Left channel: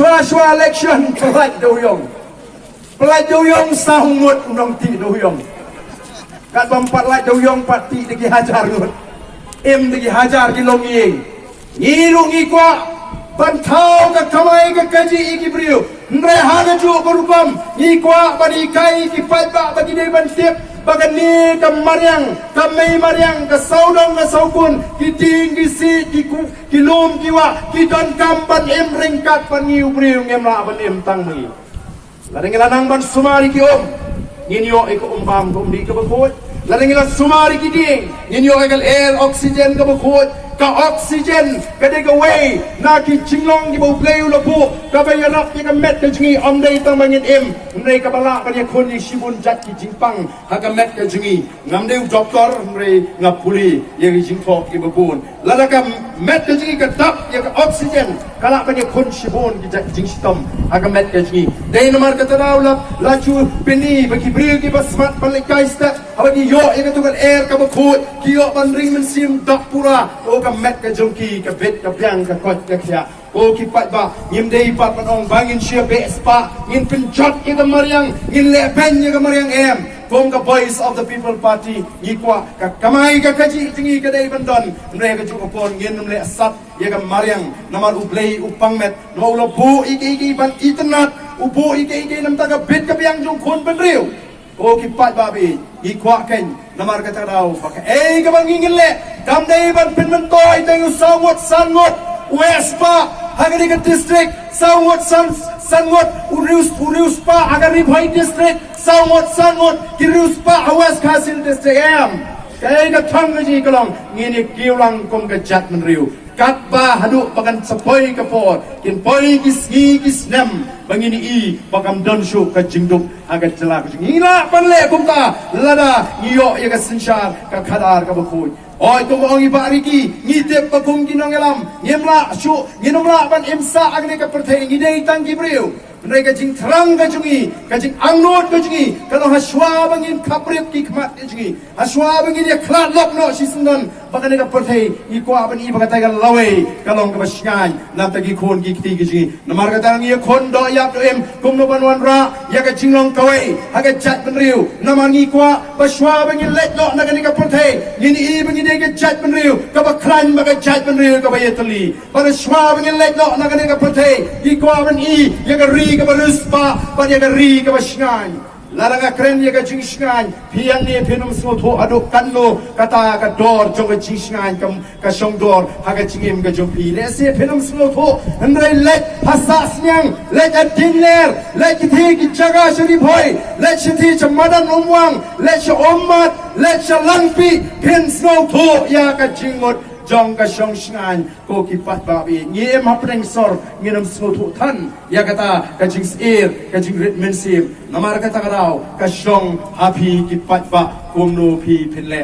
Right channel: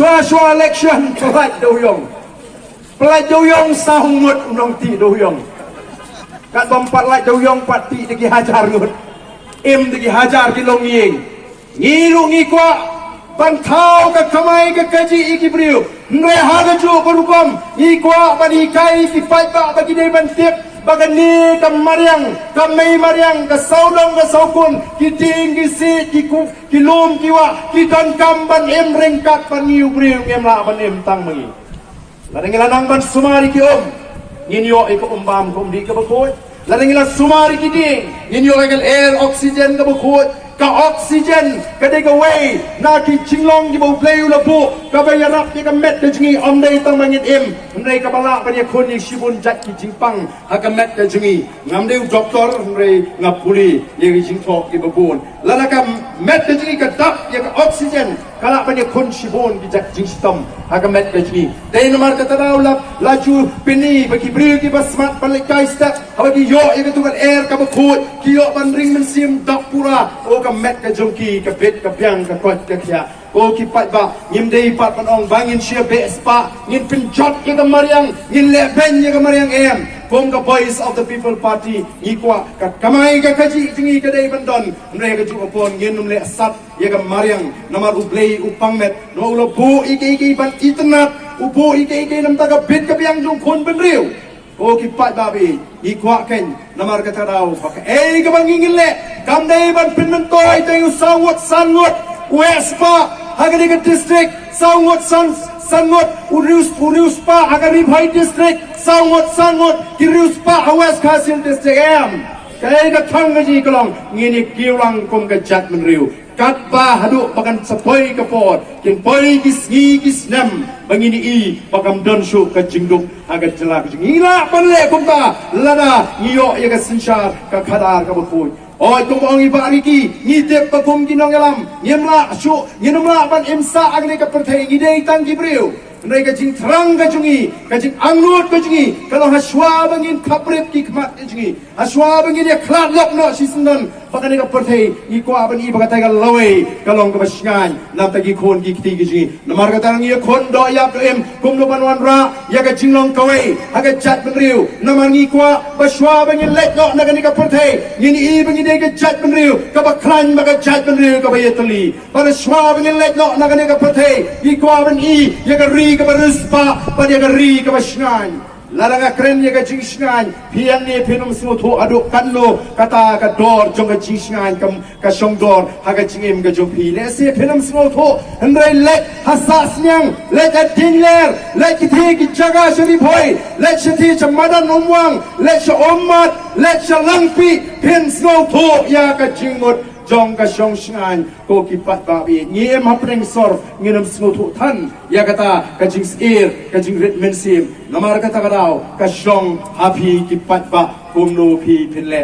shua election pelaj doyong sahut unong ti doyong kat bompat laj doyong pati degi hajar ngut degi hajar kilong yeng ngilungi kwa bantau ka kamai ka kaji iki briu ndre hana ju berukom ikwa bani kai ki patba bagi dei ban tiep bagani kamariang kamai mariang ka saudong ka saukun ki ting ki si ki lum ki wa ki don kam ban em ringkat ban niu briu em la ban em tang mi ladang lanang ban sumari ki om nginyo iko umbam kum di ka bakut ladang lan sumari ki ding nginyo ekal air oksigen ka bakut ka oksigen ka dega way na ki chinglong di bau playu la po ka bayanap ki ka met ka jingi om dei tang mangin em ndrei ka bala ka ni khon ni shibun jat ki jingpang ha ka met ka jingi ngam deu doktor ndrei ngapuli ye ki jingtho ki babun lala ka met ka jingi ka tap ye ka oksigen kala ka ni khon shibun ki jat jing stom ha ka met ka jingi dei nomar ka tadaw la chu pini ba ki bril ki basmat balikai sta ha ki yo ye ka tugal air ka bakhut ki yo ban ring men sim dak pura o ka met ka jongki ka bet ka piang ka kot ka kya o ki pat ba ngim dei pat panong bangin sia be spa ngin pinjot ye ka mariang ngin le ben ye ka mariang em kom ka voice of the people party ngi kwa ka kamai ka kaji tingi ka dei bandon mre ka ju upon ngin num le sat ye ka mariang namar ublei upang met no lo bu iki ban internet ubu iki nam ta ka bet ka piang jong khon ban riu o ki pat babi ikwa ken namar kata daw baka ka bangingin le kam dei ban pinman toy tayo sangot wespa hagari ka district sangot urius pa hagari bhai district sangot kirius pa west kasil district am kay ka thangaji kalong ngini kiulang kum ka chat man riu kat ba hadu bagan sapoy ka pot kin poy kis nem bangini i bakam don shu ka jingduk agat jala ka ngila panle kum ta lada ngiyo ya ka sinshar ka khadar ka bakoi oi kum ong ibari ki ngitep pakum kinongelam ngemla shu nginomla ban imsa agne ka perthai ngidei tang gibriu Nai ka jing terang ka jungi, ka jing angnut ka jungi, kalau haswa bangin kaprip ki kmat ka jungi, haswa bangin dia klat lok no si sendan, baka ka perthai ikwa ban i baka tai ka lawai, kalong ka basngan, nam tagi khon ki kiti ka jungi, namar ka tang ia khon do yak do em, kum no ban wan ra, ya ka jinglong kawai, haga jat ban riu, namar ngi kwa baswa bangin let lok na ka perthai, ngini i bangin dia ka jat ban riu, ka ba klan baka jat ban riu ka ba yetali, para swa bangin let lok na ka perthai, ikwa ban i ya ka ri ka baruspa pada gari ka basngan laranga kren ye ka jingsngan pian ni pinum so tho aduk kanlo kata ka dor jong ka jingsngan kam ka song dor ha ka jingim ka jompi ne se pinum so tho andai let hasa snyang let adingler let ki ki jaga shri bhoi let shti chamadan umwang let shomat let langpi pin so tho ya ka jingmot jong ka shong shngan ko ki pat ba bi ngi ma preng sor nginam snu thu than ya kata ka jing ir ka jing rit men sim namar kata ka daw ka shong happy ki pat ba kum no phi phin le